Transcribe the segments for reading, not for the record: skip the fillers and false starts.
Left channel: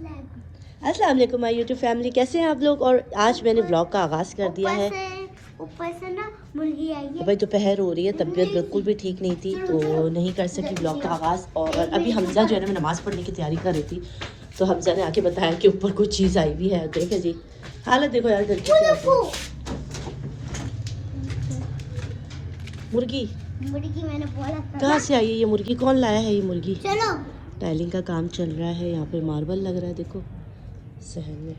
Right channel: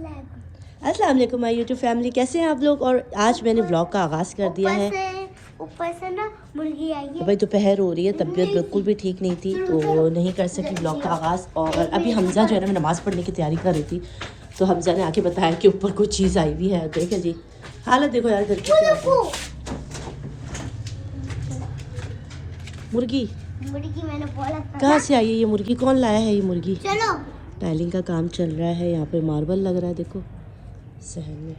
अस्सलाम वालेकुम my YouTube family, कैसे हैं आप लोग। और आज मैंने व्लॉग का आगाज़ कर दिया है। ऊपर से ना मुर्गी आई है। भाई दोपहर हो रही है, तबीयत बिल्कुल भी ठीक नहीं थी तो नहीं कर सकी व्लॉग का आगाज़। और अभी हमजा जो है ना, मैं नमाज़ पढ़ने की तैयारी कर रही थी तो हमजा ने आके बताया कि ऊपर कुछ चीज़ आई हुई है। देखे जी हालत देखो यार घर की। मुर्गी मैंने बोला कहाँ से आई है ये मुर्गी? कौन लाया है ये मुर्गी? चलो टाइलिंग का काम चल रहा है, यहाँ पे मार्बल लग रहा है। देखो शहर में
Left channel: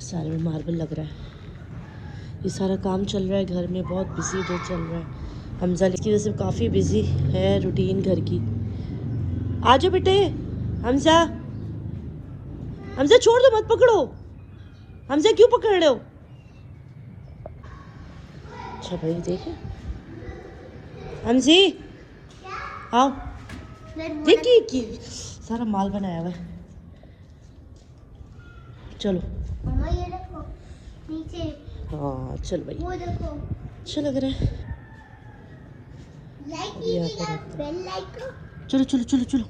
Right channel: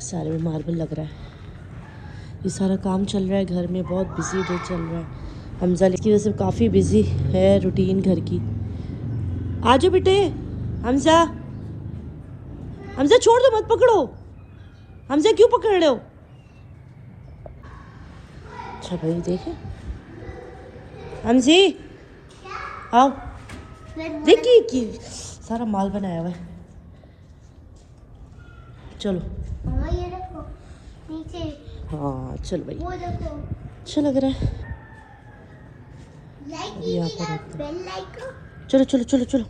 सारे में मार्बल लग रहा है, ये सारा काम चल रहा है घर में। बहुत बिजी डे चल रहा है। हमजा इसकी वजह से काफ़ी बिजी है रूटीन घर की। आ जाओ बेटे। हमजा हमजा छोड़ दो, मत पकड़ो। हमजा क्यों पकड़ रहे हो? अच्छा भाई देख हमजी हाँ देखिए कि सारा माल बनाया हुआ है। चलो मम्मा ये देखो नीचे हाँ चल भाई, वो देखो अच्छा लग रहा है। लाइक यहाँ कीजिएगा पर बेल लाइक। चलो चलो चलो चलो,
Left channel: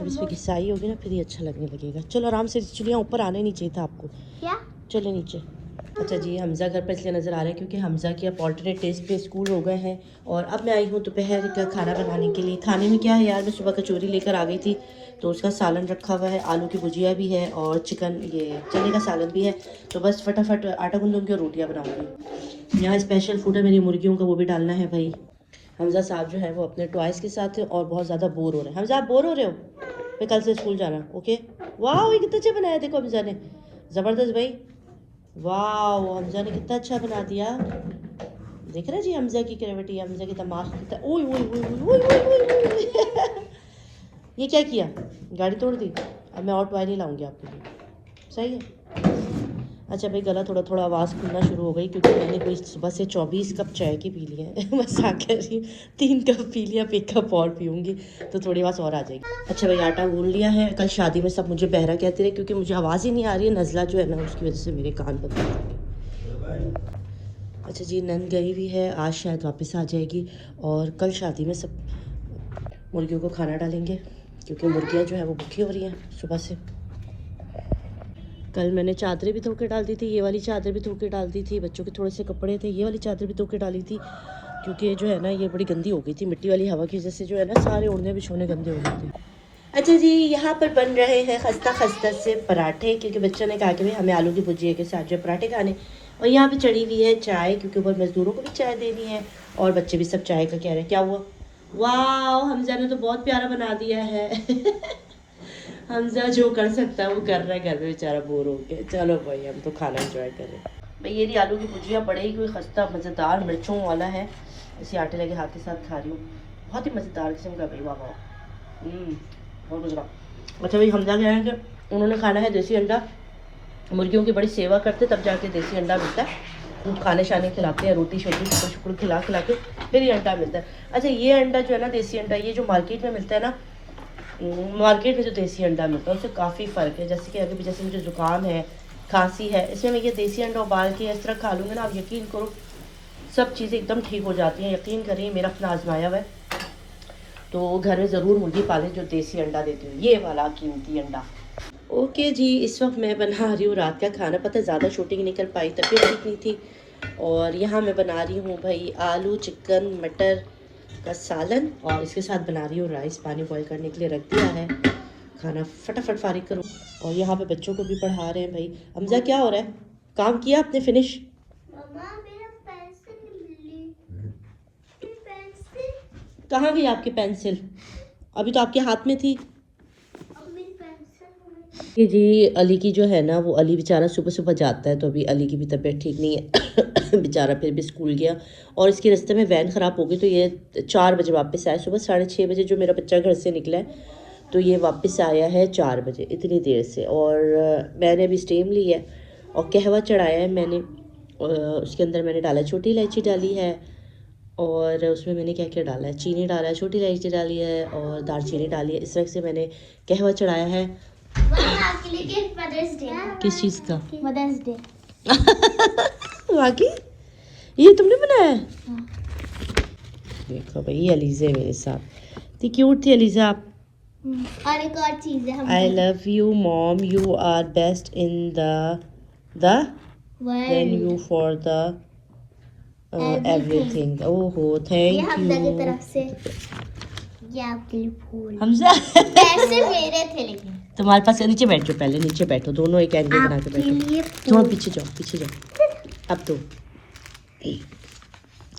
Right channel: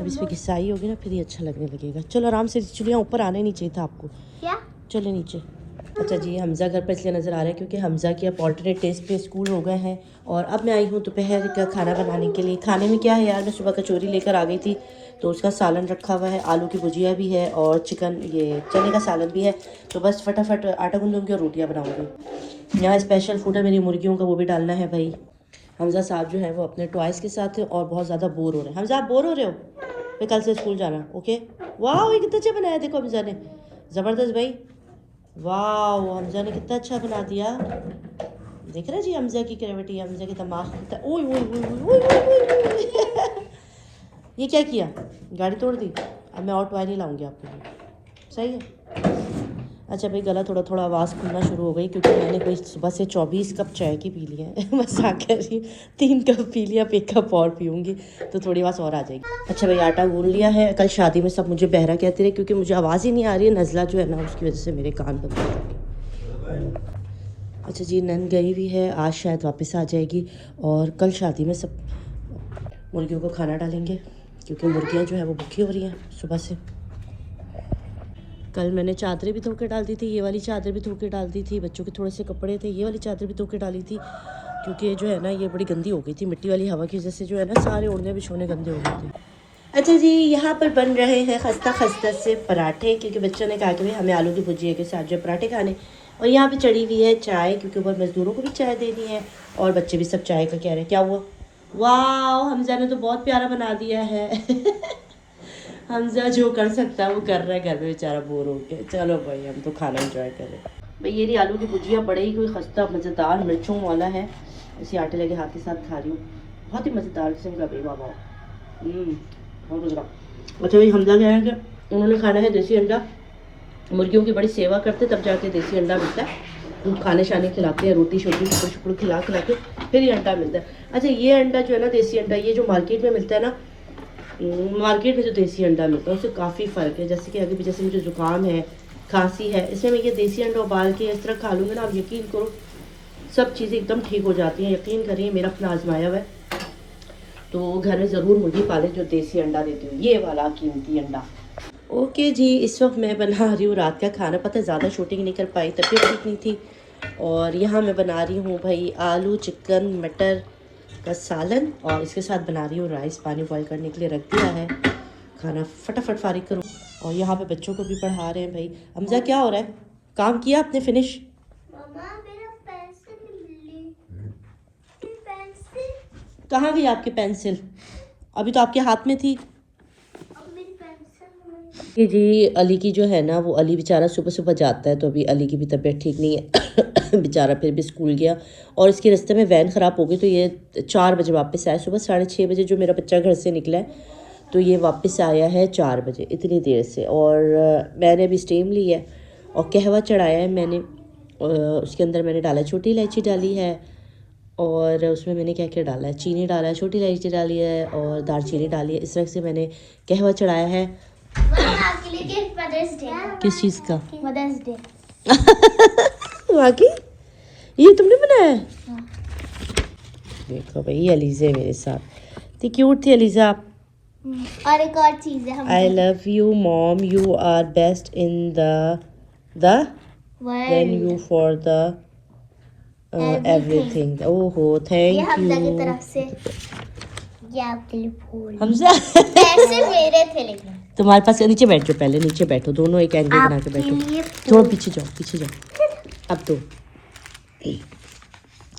अब इसमें घिसाई होगी ना फिर ये अच्छा लगने लगेगा। चलो आराम से, चिड़िया ऊपर आने नहीं चाहिए था आपको। क्या चले नीचे। अच्छा जी, हमजा घर पर इसलिए नज़र आ रहे हैं क्योंकि हमजा की अब ऑल्टरनेट टेस्ट पे स्कूल हो गए हैं। और अब मैं आई हूँ दोपहर का खाना बनाने के लिए। खाने में क्या है यार, मैं सुबह कचौरी लेकर आ गई थी तो उसका सालन रखा हुआ है, आलू की भुजिया भी है और चिकन ये चने का सालन भी है। तो बस फटाफट आटा गूंदूंगी और रोटियाँ बनाऊँगी। यहाँ स्पेशल फूड है मेरी मुर्गियों का, वो भी डालना है भाई। हमजा साहब जो है वो अपने टॉयज़ के साथ है और बहुत ज़्यादा बोर हो रहे हैं। हमजा आप बोर हो रहे हो? मैं कल से स्कूल जाना। ओके वाह, ये कितना अच्छा बनाया देखो हमजा ने, ज़बरदस्त भाई। वाह हमजा ने कितना अच्छा बना दिया। देख रहे जी हमजा की क्रेविटी, हमजा की दिमाग कितना। ओए ओए ओए ओए ओए। ये क्या किया, गाड़ी तोड़ दी। अब मैं और टॉय नहीं लाऊंगी आपके लिए, सही है। अच्छा भाई गला थोड़ा थोड़ा आवाज़ खुलना शुरू हो गई क्योंकि मैंने कोई सुबह से 24 कप चाय की पी ली है। मजाक कर रही हूँ, 3 कप पी लिया, अब 1 कप और पीऊँगी तो थोड़ी आवाज़ और आ जाएगी। अच्छा भाई आटा गूंद लिया है। कल शादी में सब मुझे बहरा कहते रहे क्योंकि मुझे आवाज़ ही नहीं आ रही है। नज़ला जो है ना उसकी वजह से मेरे कान बंद हो गए। अच्छा जी नंद गई हुई है, आज शायद वापस आ जाएगी। और कल शादी में सब मुर्गियों को खाना डालेंगे क्योंकि मुर्गियाँ जो है वो भूखी हो रही हैं सुबह से। कल मैंने चादरें भी धो के डाल दी थी, ये वाली चादर भी धो के डाल दी थी। बच्चों के थोड़े से कपड़े थे, ये वाली चादर भी धो के डाली थी क्योंकि ये जो है ना ये बड़ी गंदी हो गई थी। मिट्टी वाली हवा की वजह से जो है ना सारे ओढ़ने बिछोने गंदे हो गए थे। अच्छा जी यहाँ पर बन रहे हैं खस्ता खस्ता से पराठे क्योंकि बच्चों ने कहा कि भाई हमें आलू की भुजिया के साथ जो पराठे खाने। और यहाँ पे चढ़ी हुई है चाय क्योंकि ऊपर मज़दूरों को भी चाय देनी है और बच्चे भी सब चाय का कह रहे हैं। क्या हुआ? वाह हमजा ने तो बहुत प्यारा बना दिया है। हमजा जो कर सकता है वो कर रहा है, घर में बेचारा बोर हो गया। चलो भाई हम तो खाना एंजॉय करें। भाई ये आलू की भुजिया बड़े ही कोई खस्ता मज़ेदार मिर्चों वाला है। इसी आटे लगे हाथ के साथ खा रही हूँ, बहुत ही मज़ेदार किस्म का भाई। वाह वाह बहुत मज़ेदार। अच्छा भाई हमजा क्या है कि उन्होंने खाना है देसी अंडा। मुर्गियों की बड़ी सेवा करते तब जाके देसी अंडा मिलता है। खाने शाने खिलाते हैं, रोटी शोटी शुक्र शुक्र खिला खिला के फिर ये अंडा मिलता है। अच्छा ये अंडा जो है ना देसी अंडा, ये जो मार्केट में मिलता है ना, मार्केट में जो देसी अंडा मिलता है उससे काफ़ी फ़र्क है। जैसे कि अगर भी जैसे मुझे ज़ुकाम है खांसी है, इसमें मैं ये देसी अंडा उबाल के इस तरह खा लूँगी ना, आप यकीन करो सब चीज़ें एकदम ठीक हो जाती हैं। यकीन करिए मेरा अपना आजमाया हुआ है। तो घर में ज़रूर मुर्गी पाले जो देसी अंडा देती हूँ, ये वाला कीमती अंडा। ओके जी इस वक्त मैं बना रही हूँ रात का खाना। पता है ज़्यादा शूटिंग नहीं कर पाई, तबीयत ठीक नहीं थी। और यहाँ मैं बना रही हूँ भाई आलू चिकन मटर का सालन और इसके साथ बना रही हूँ राइस। पानी बॉयल करने के लिए रख दिया है, खाना फटाफट फारिग करूँ। और यहाँ पे बच्चों को भी पढ़ा रहे हैं भाई। हमजा क्या हो रहा है, काम किया आपने फिनिश? कहाँ गई आपकी पेंसिल? अभी तो आपके हाथ में थी। ये जी अली की जो है ना वो, अली बेचारा सुबह सुबह जाता है तो अभी अली की भी तबीयत ठीक नहीं है। बेचारा फिर भी स्कूल गया और इसके रास्ते में वैन ख़राब हो गई तो ये 4 बजे वापस आया। सुबह 6:30 बजे जो मेरा बच्चा घर से निकला है तो ये वापस आया है 4 बजे, इतनी देर से। और मैंने अभी स्टीम ली है और कहवा चढ़ाया है मैंने। उसके अंदर मैंने डाला छोटी इलायची डाली है और उसमें मैंने क्या क्या डाला है, चीनी डाला है, छोटी इलायची डाली है और दालचीनी डाली है। इस तरह से मैंने कहवा चढ़ाया है। किस चीज़ का? Mother's Day. वाकई ये तुमने बनाया है? देखो भाई अलीज़ा मेरे साथ, तो क्यूट थी अलीज़ा। और एक और चीज है I love you, mom. You are best in the than you for the everything. Oh, ये thank हमजा की you. तरफ से ये आपके लिए फूल हमजा पैसे मेरे थे लेकिन तुम्हारे पास नीचे बैठ जाओ, पहले नीचे बैठो, दोनों एक एंगल बना के बैठो. आपके लिए थोड़ा फूल। पीछे जाओ. अब तो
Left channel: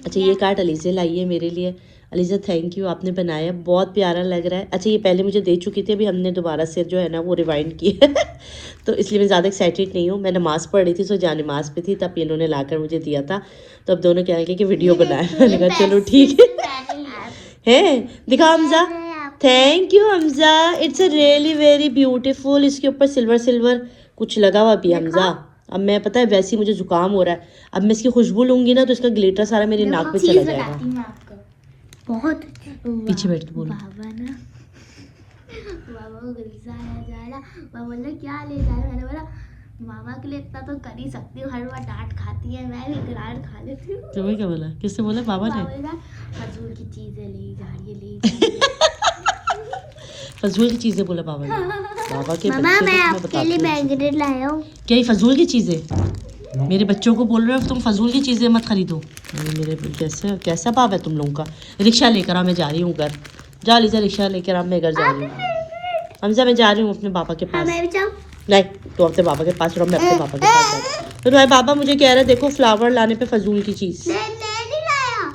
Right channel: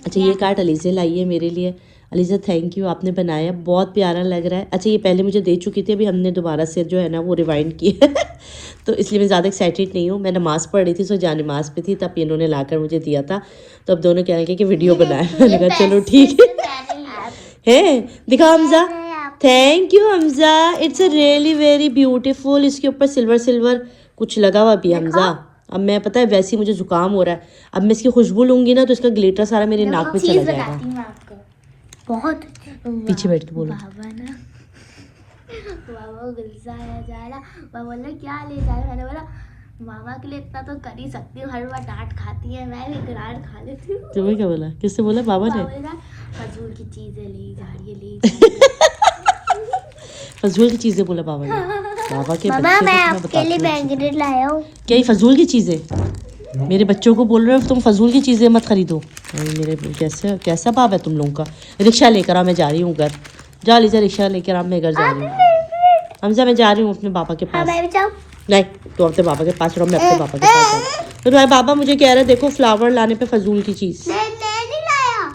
अच्छा ये कार्ड अलीज़ा लाई है मेरे लिए. अलीज़ा थैंक यू, आपने बनाया, बहुत प्यारा लग रहा है. अच्छा ये पहले मुझे दे चुकी थी, अभी हमने दोबारा से जो है ना वो रिवाइंड किया तो इसलिए मैं ज़्यादा एक्साइटेड नहीं हूँ. मैं नमाज़ पढ़ रही थी, सो जहाँ नमाज़ पे थी तब इन्होंने लाकर मुझे दिया था. तो अब दोनों कह रहे कि वीडियो बनाए. मैंने कहा चलो ठीक है. दिखाओ Hamza. Thank you Hamza, it's a really very beautiful. इसके ऊपर सिल्वर सिल्वर कुछ लगा हुआ भी है हमजा. अब मैं पता है वैसे ही मुझे जुकाम हो रहा है, अब मैं इसकी खुशबू लूंगी ना तो इसका ग्लिटर सारा मेरे नाक में चला जाएगा. बहुत पीछे बैठ के बोलो. बाबा ना बाबा को गुस्सा आया जा रहा. बाबा बोला क्या ले जा रहे. मैंने बोला मामा के लिए इतना तो कर ही सकती हूँ, हर बार डांट खाती है, मैं भी डांट खा लेती हूँ. तुम्हें क्या बोला, किससे बोला? बाबा ने. बाबा बोला फजूल की चीजें ले जा रही है, ले जा रही है. फजूल की चीजें बोला बाबा ने. बाबा के बाबा मैं आपके लिए मैग्नेट लाया हूँ. क्या ये फजूल की चीजें? मेरे बच्चों को बोल रहे हो तुम फजूल की चीजें मत खरीदो. अरे मेरे कैसा बाप है तुम लोगों का. रिक्शा लेकर आ, मैं जा रही हूँ घर. जा लीजिए रिक्शा लेकर आ, मैं घर जा रही हूँ. हमजा मैं जा रही हूँ अपने पापा के हाँ पास. मैं भी जाऊँ. नहीं तो अपने पापा के पास रहो, मैं अपने पापा के पास जाऊँ. तो तुम्हारे पापा मुझे कह रहे देखो फ्लावर लाने पे फजूल की चीज. मैं नहीं लाया.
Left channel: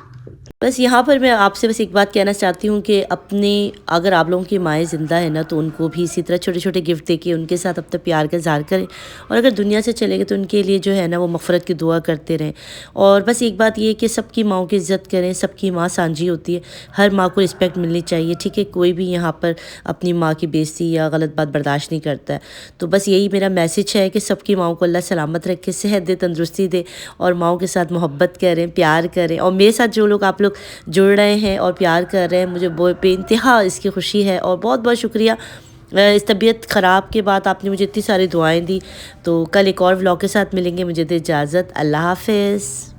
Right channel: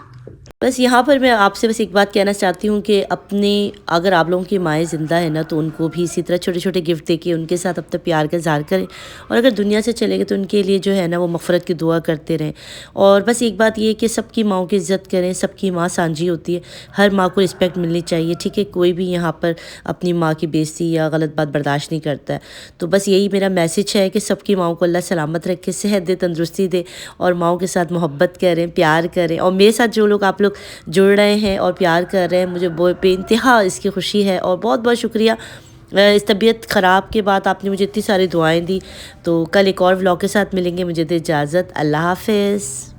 बस यहाँ पर मैं आपसे बस एक बात कहना चाहती हूँ कि अपने अगर आप लोगों की माएँ ज़िंदा है ना तो उनको भी इसी तरह छोटे छोटे गिफ्ट देके उनके साथ अपने प्यार का इज़हार करें. और अगर दुनिया से चले गए तो उनके लिए जो है ना वो मफ़रत की दुआ करते रहें. और बस एक बात ये कि सबकी माँओं की इज़्ज़त करें. सबकी माँ सांझी होती है, हर माँ को रिस्पेक्ट मिलनी चाहिए. ठीक है, कोई भी यहाँ पर अपनी माँ की बेइज्जती या गलत बात बर्दाश्त नहीं करता है. तो बस यही मेरा मैसेज है कि सबकी माँओं को अल्लाह सलामत रखे, सेहत दे, तंदुरुस्ती दे और माँओं के साथ मोहब्बत करें, प्यार करें. और मेरे साथ जो लोग आप लोग जुड़ रहे हैं और प्यार कर रहे हैं, मुझे बेइंतहा इसकी खुशी है. और बहुत बहुत शुक्रिया. इस तबीयत ख़राब के बाद आपने मुझे इतनी सारी दुआएं दी. तो कल एक और व्लॉग के साथ मिलेंगे. मुझे दे इजाज़त. अल्लाह हाफ़िज़.